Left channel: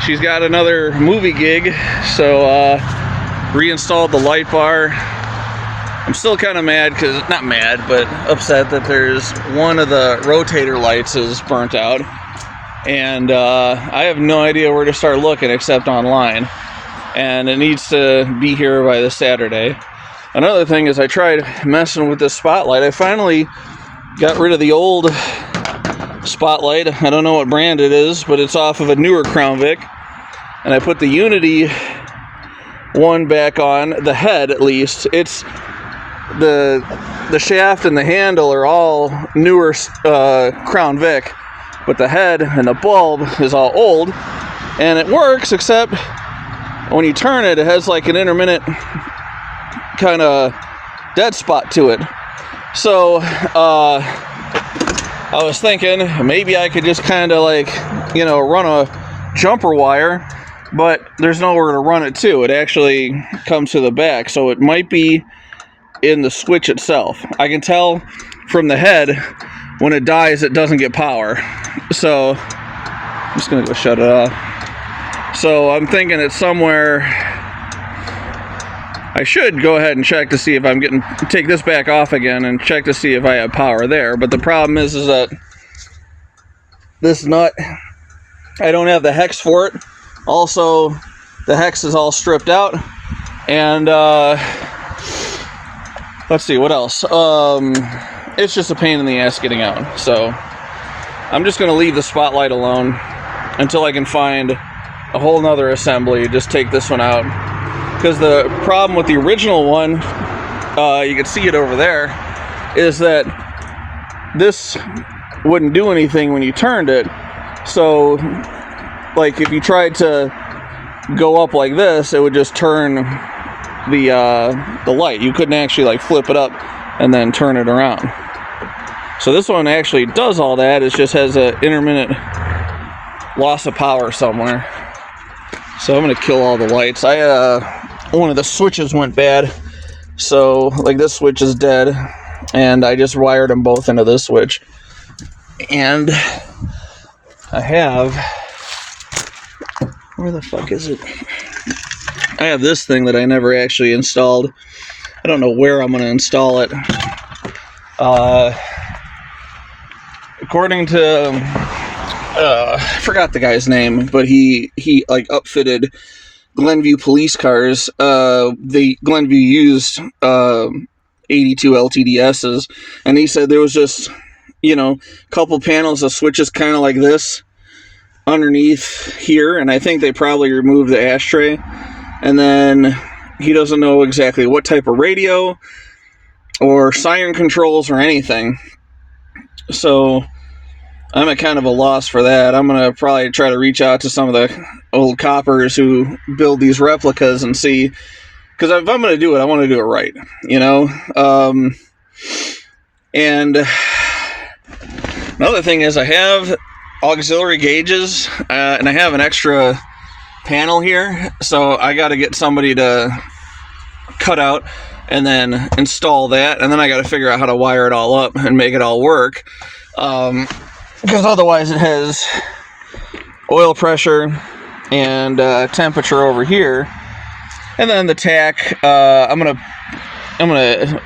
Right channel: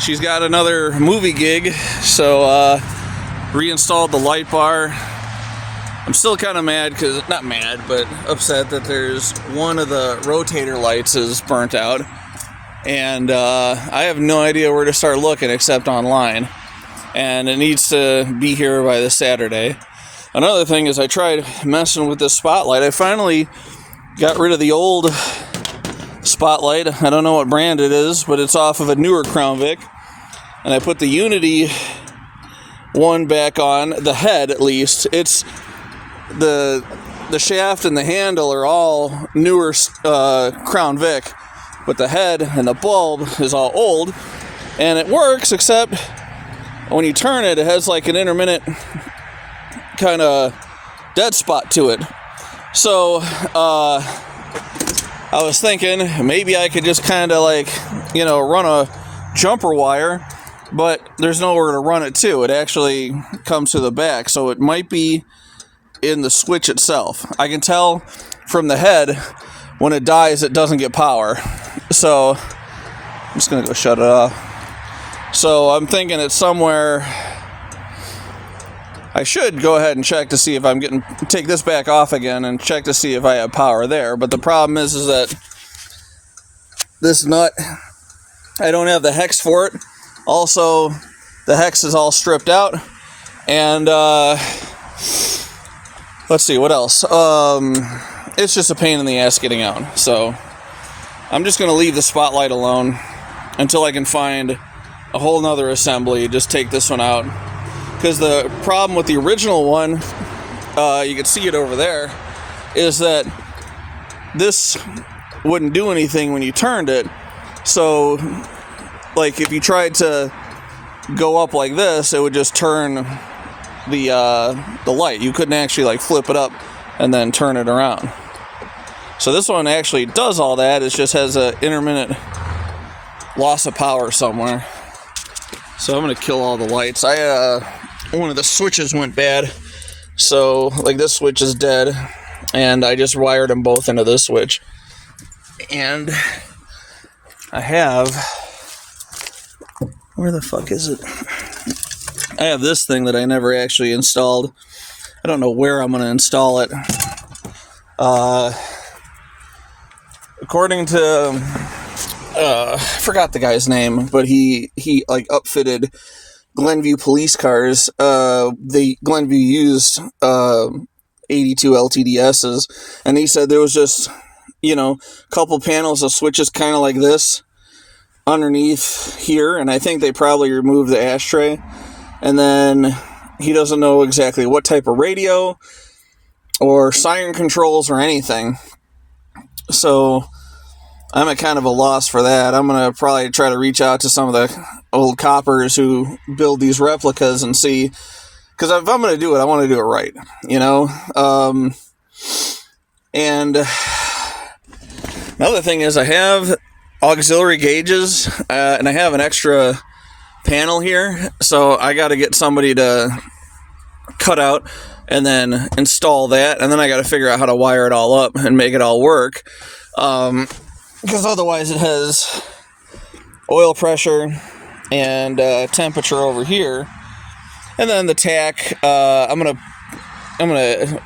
She's got another movie gig, so reinstalled the light bar. I'm still kind of mad, not mad, but upset that there's one of the rotator lights is burnt out, and I have no idea where to start looking except online, and it needs to be here by this Saturday. Another thing is I tried messing with this spotlight. I finally got rid of the old spotlight. I don't know what brand it is, but it's off of a newer Crown Vic, and I put the Unity one back on, the head at least. It's the shaft and the handle are all newer Crown Vic, but the head and the bulb is all old, and it works, except when you turn it, it has like an intermittent kind of dead spot to it. So I was thinking maybe I could just kind of like, run a jumper wire, but there's nowhere to run it to. It actually comes to the back, so it might be in the switch itself. I can tell from the head when it dies it doesn't get power. So I'm just gonna go shut it off. So I'm thinking it's somewhere. I should go ahead and check to see if take this back off again and check to see if I have power there. But the problem is that this nut, I don't have the hex for it. Also, the hex is all stripped out. And let's see, what else? It's just a pain in the ass getting out. So I'm just gonna leave the spotlight alone until I can find a whole nother assembly. Just take this one out. Because the problem with the original one, you can see it over there, is that this wouldn't do anything when you turned it. So, like, if you tried to go up like this, it would just turn the light. You couldn't actually, like, flip it up and then turn it around. So this one actually does all that. It just has an intermittent loss of power somewhere. So I'm going to kill all the lights. One of the switches went bad, so like this switch is dead, and I just wired them both into this switch. And I have, where the fuck is it? I have this thing that I never actually installed. I don't know where I'm going to install it. According to I forgot the guy's name, but he like upfitted Glenview police cars. The Glenview used 82 LTDSs, and he said there was just a couple panels of switches kind of like this underneath here, and I think they probably removed the ashtray, and then he doesn't know exactly what type of radio or siren controls or anything. So I'm at kind of a loss for that. I'm going to probably try to reach out to some of the old coppers who build these replicas and see, because if I'm going to do it, I want to do it right, and another thing is I have auxiliary gauges, and I have an extra panel here, so I got to get somebody to cut out and then install that, and then I got to figure out how to wire it all up and make it all work, because otherwise it has oil pressure and temperature over here, and then the tack. I'm gonna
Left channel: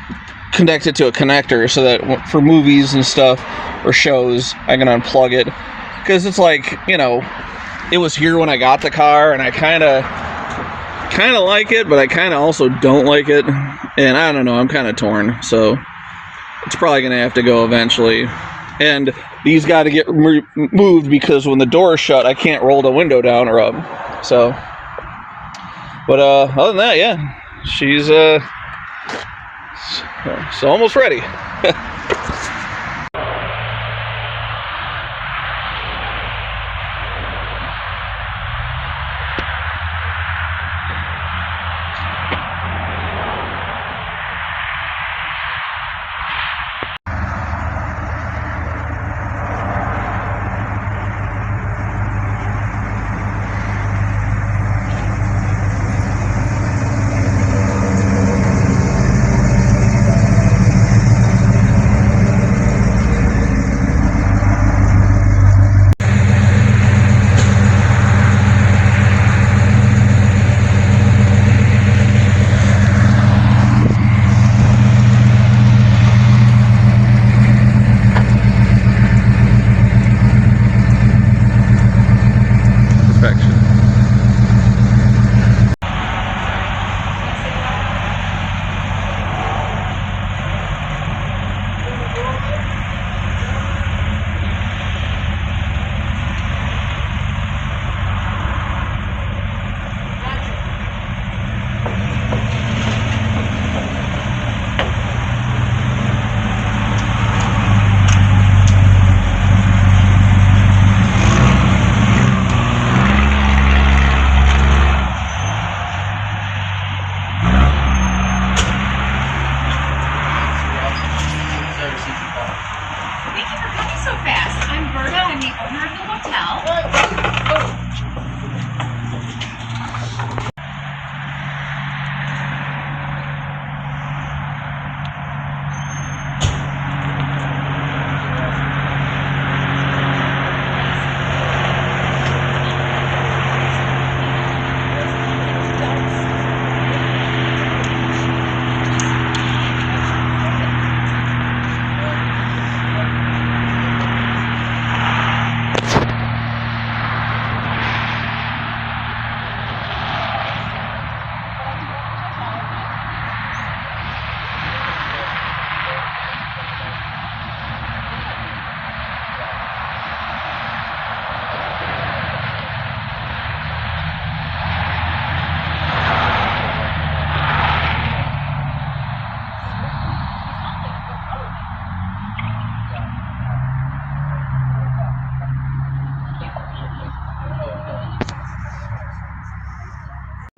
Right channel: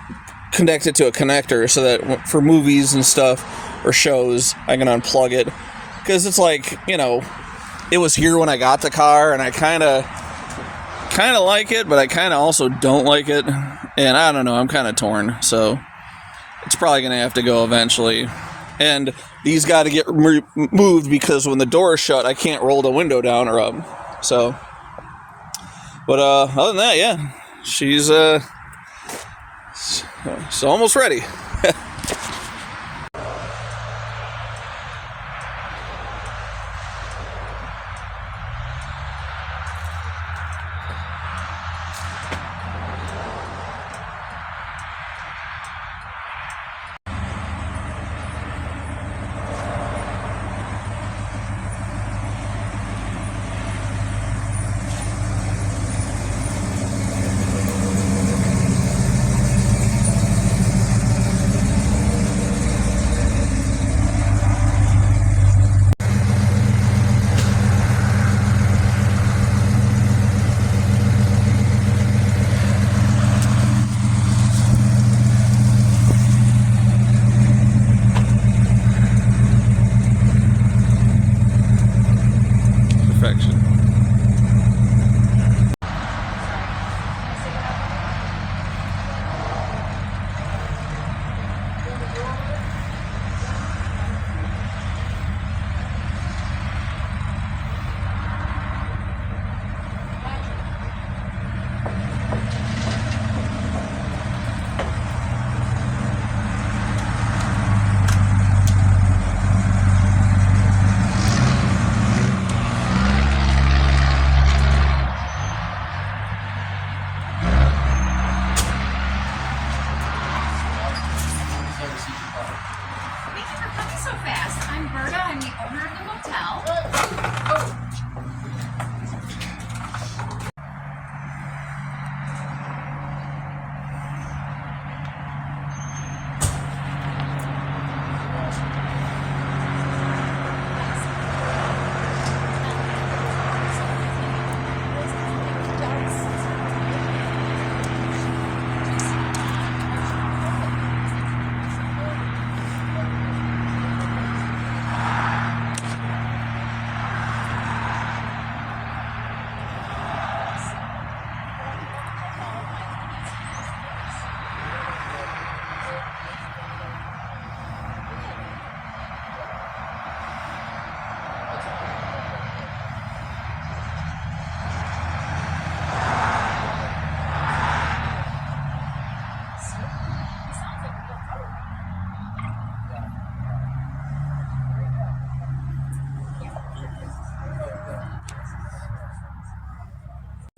connect it to a connector so that for movies and stuff or shows I can unplug it, because it's like it was here when I got the car, and I kind of like it, but I kind of also don't like it, and I don't know. I'm kind of torn, so it's probably gonna have to go eventually. And these got to get moved because when the door is shut, I can't roll the window down or up. So, but other than that, yeah, she's almost ready.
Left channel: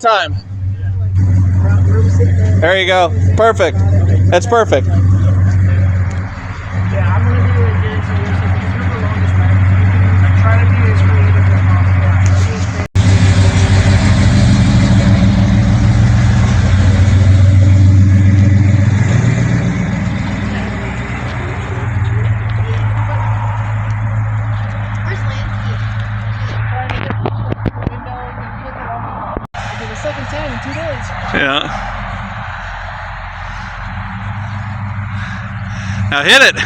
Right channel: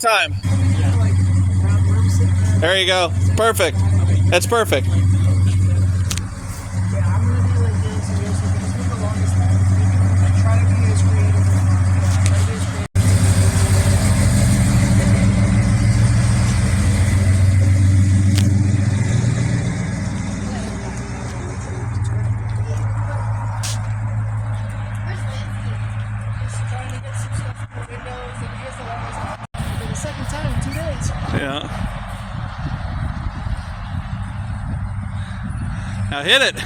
Time. There you go. Perfect. That's perfect. Yeah, I'm gonna be like this for the longest time. I try to be as creative as possible. Where's Lansky? Trying to get some stuff from the windows and he has it all his own. I did a second tan in 2 days. Yeah. Now hit it.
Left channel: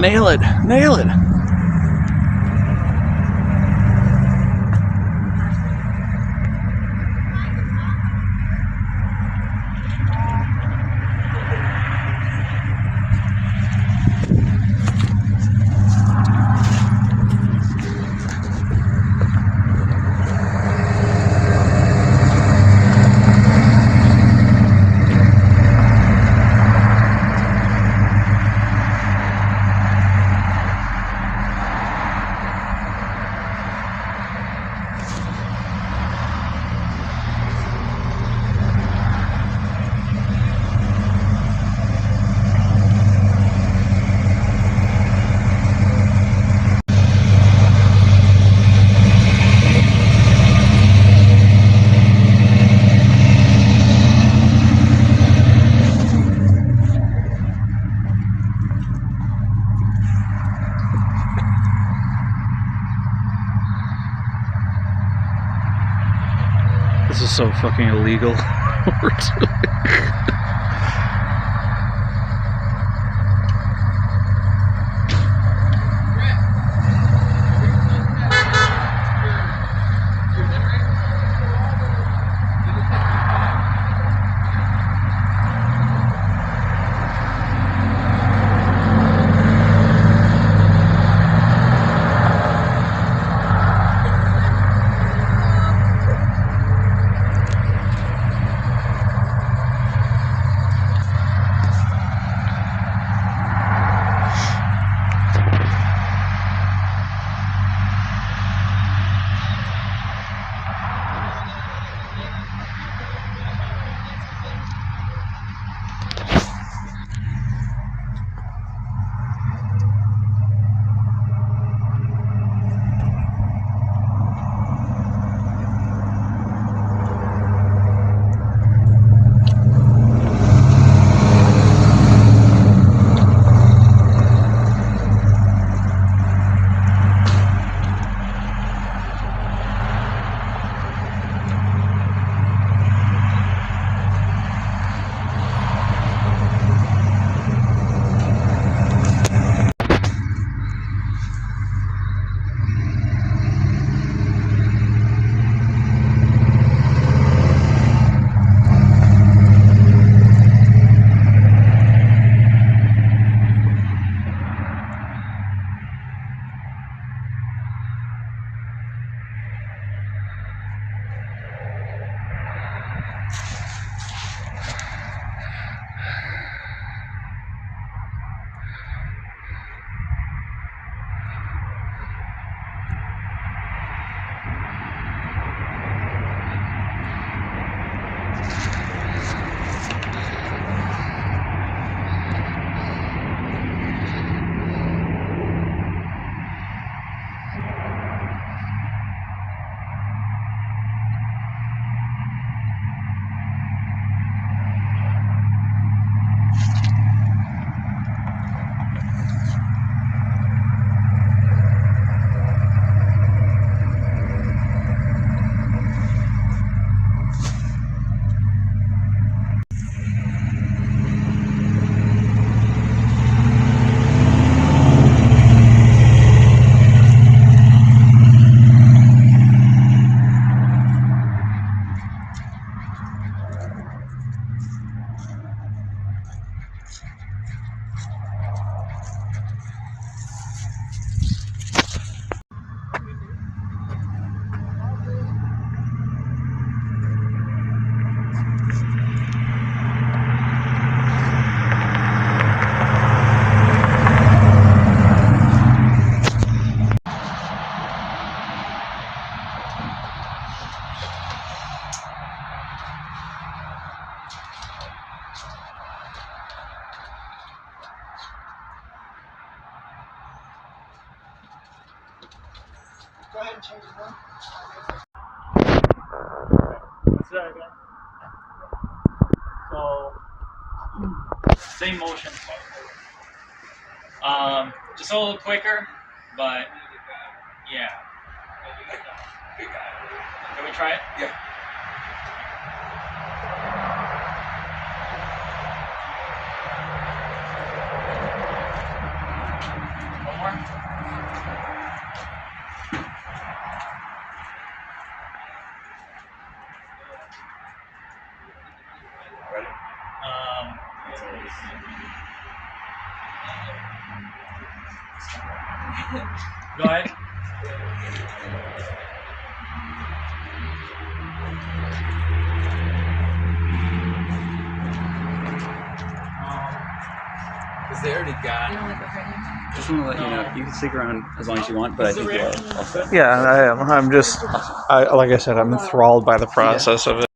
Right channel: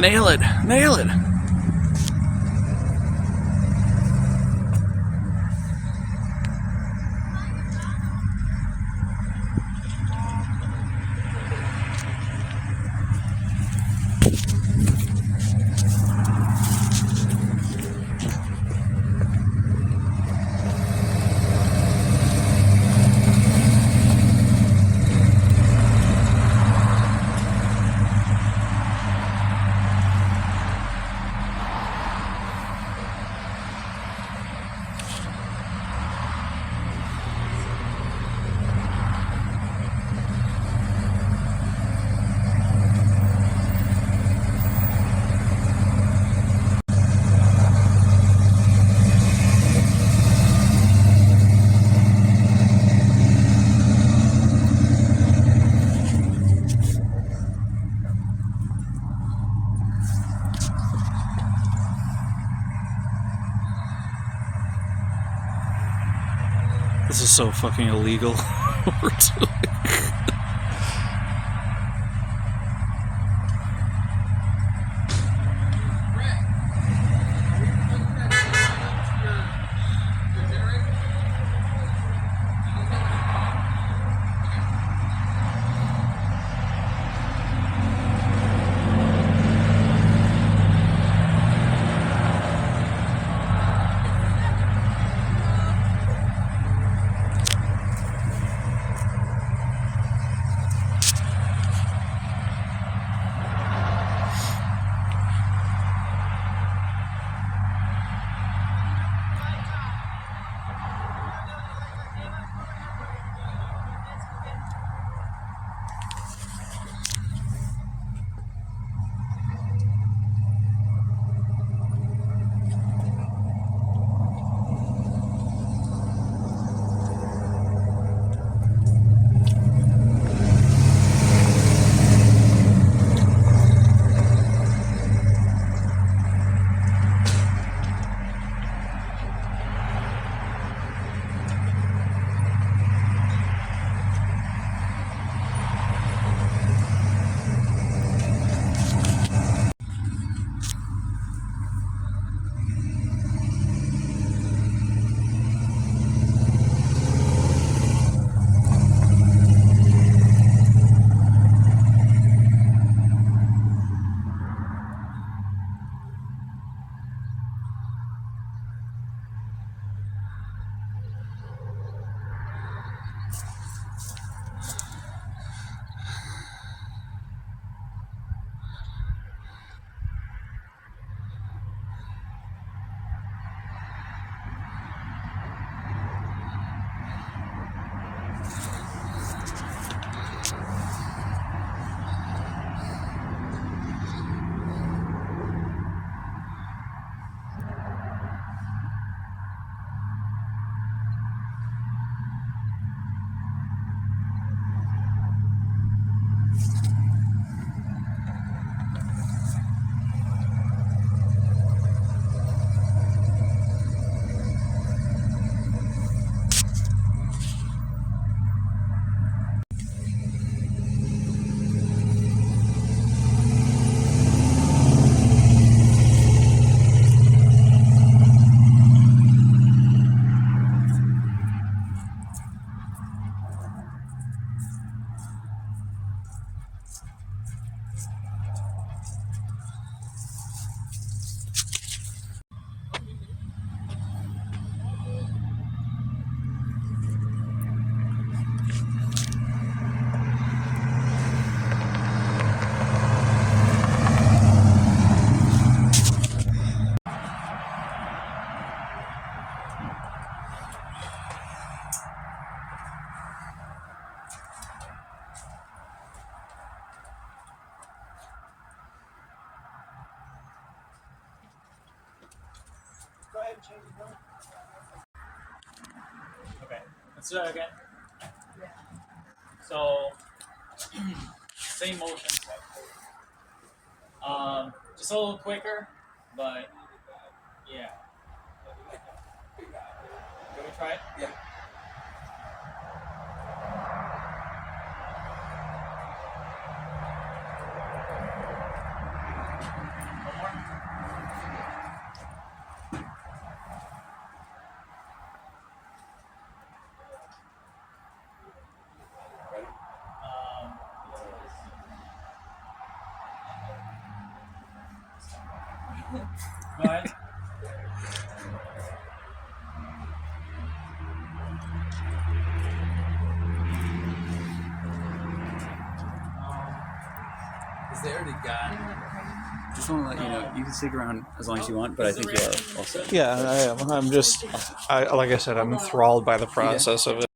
Nail it. Nail it. This is so fucking illegal. We're doing. ahead and change it now. Let's do it again. So, same motion. Just a little quicker, but yeah. Can we try it? Yeah. One more. Go ahead. Because they already got. Just want to let you know, you can stick around as long as you want, but I think we're all set. Yeah, I am. I'm just, like I said, I'm enthralled by the process of it.